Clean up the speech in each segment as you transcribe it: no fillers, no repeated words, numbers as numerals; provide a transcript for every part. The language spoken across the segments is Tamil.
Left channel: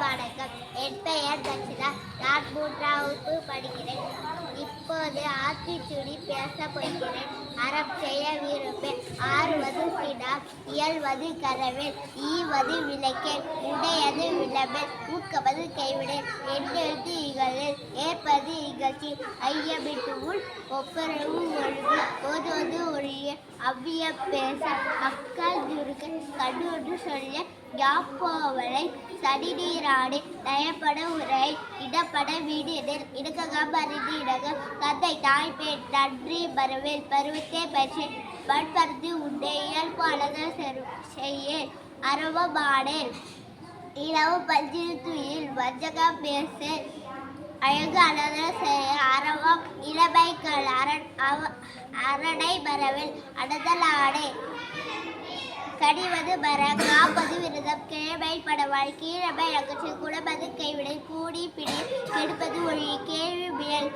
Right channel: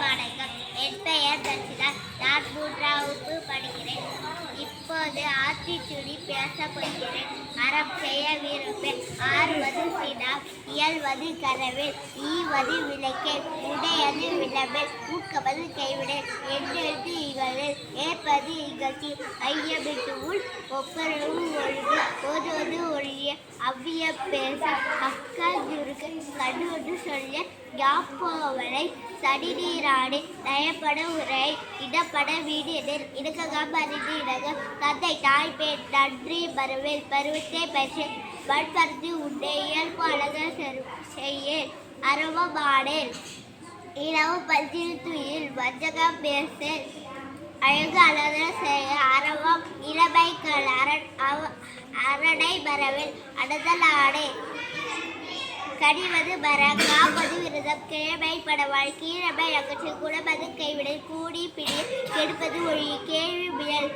வணக்கம். என் பெயர் தர்ஷிதா. நான் 3ஆம் வகுப்பு படிக்கிறேன். இப்போது ஆத்திச்சூடி பேசப் போகிறேன். அறம் செய்ய விரும்பேன். ஆறுவது சினம், இயல்வது கரவேல், ஈவது விளக்கேல், உடையது விளம்பேல், ஊக்கவது கைவிடேல், எண்ணெழுத்து இகழேல், ஏற்பது இகழ்ச்சி, ஐயமிட்டு உள், ஒப்புரவு ஒழுகு, ஓதுவது ஒழிய, அவ்வியம் பேச, அக்கால் சுருக்க, கண்ணொன்று சொல்ல, யாப்போவலை, சடிநீராடு, நயப்பட உரை, இடப்பட வீடு எதிர், இடுக்ககம் அறிந்து இடகம், தந்தை தாய் பேர் நன்றி மறவேல், பருவத்தை பற்றி மண்பருத்தி உண்டே, இயல்பு அழக செய்யேன், அறவமானேன், இளவு பல்திரு துயில், வஞ்சகம் பேசேன், அழகு அழக செய்ய, அறவம் இளமைகள் அரணை மறவேல், அடதல் ஆடே, கடிவது மர, காப்பது விரதம், கிழமை படவாள், கீழமை அகற்று, குடமது கைவிடல், கூடி பிடி, கெடுப்பது ஒழி, கேள்வி முயல்,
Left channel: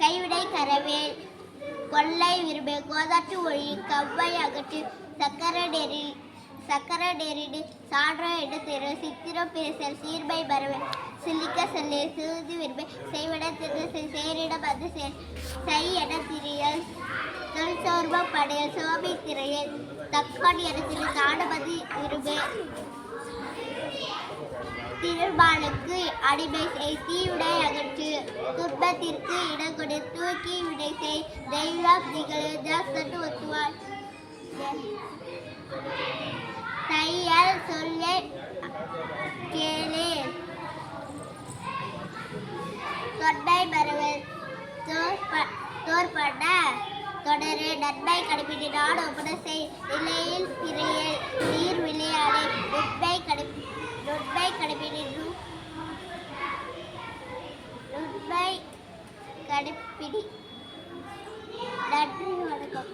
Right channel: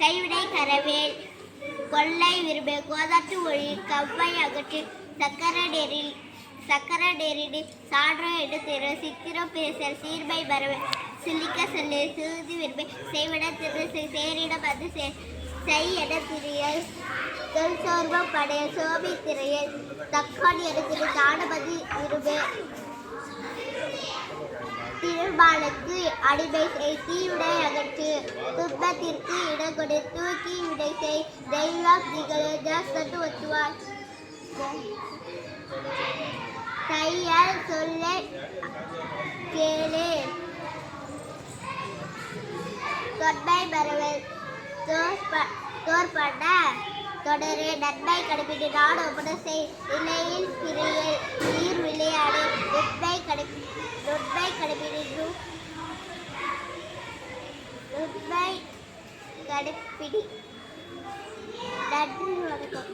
கைவிடை கரவேல், கொள்ளை விரும்பு, கோதாட்டு ஒழி, கவ்வை அகற்று, சக்கர நெறிடு, சான்ற எடுத்திரு, சித்திரம் பேசல், சீர்மை மரவேல், சிலிக்க செல்லு, சிறுதி விரும்பு, செய்விட திரு, சேரிடம் அது செய் என திரியல், சோர்வம் படைய, சோபி திரையல், தக்கான் எடுத்திரு, தானபதி விரும்பு, திருமாலுக்கு அடிமை செய், தீவிடை அகற்று, துன்பத்திற்கு இடங்கொடு, தூக்கி விடை செய், தெய்வம் திகழு, ஜாஸ்தட்டு ஒத்துவார், தையல் சொல்ல கேளே, தொன்மை மறவல், தோற்பட தொடரு, நன்மை கடைபிடி, நாடு ஒப்பட செய், நிலையில் பிறையல், நீர் விளையாடு, நுண்மை கடைபிடி, நன்றி வணக்கம்.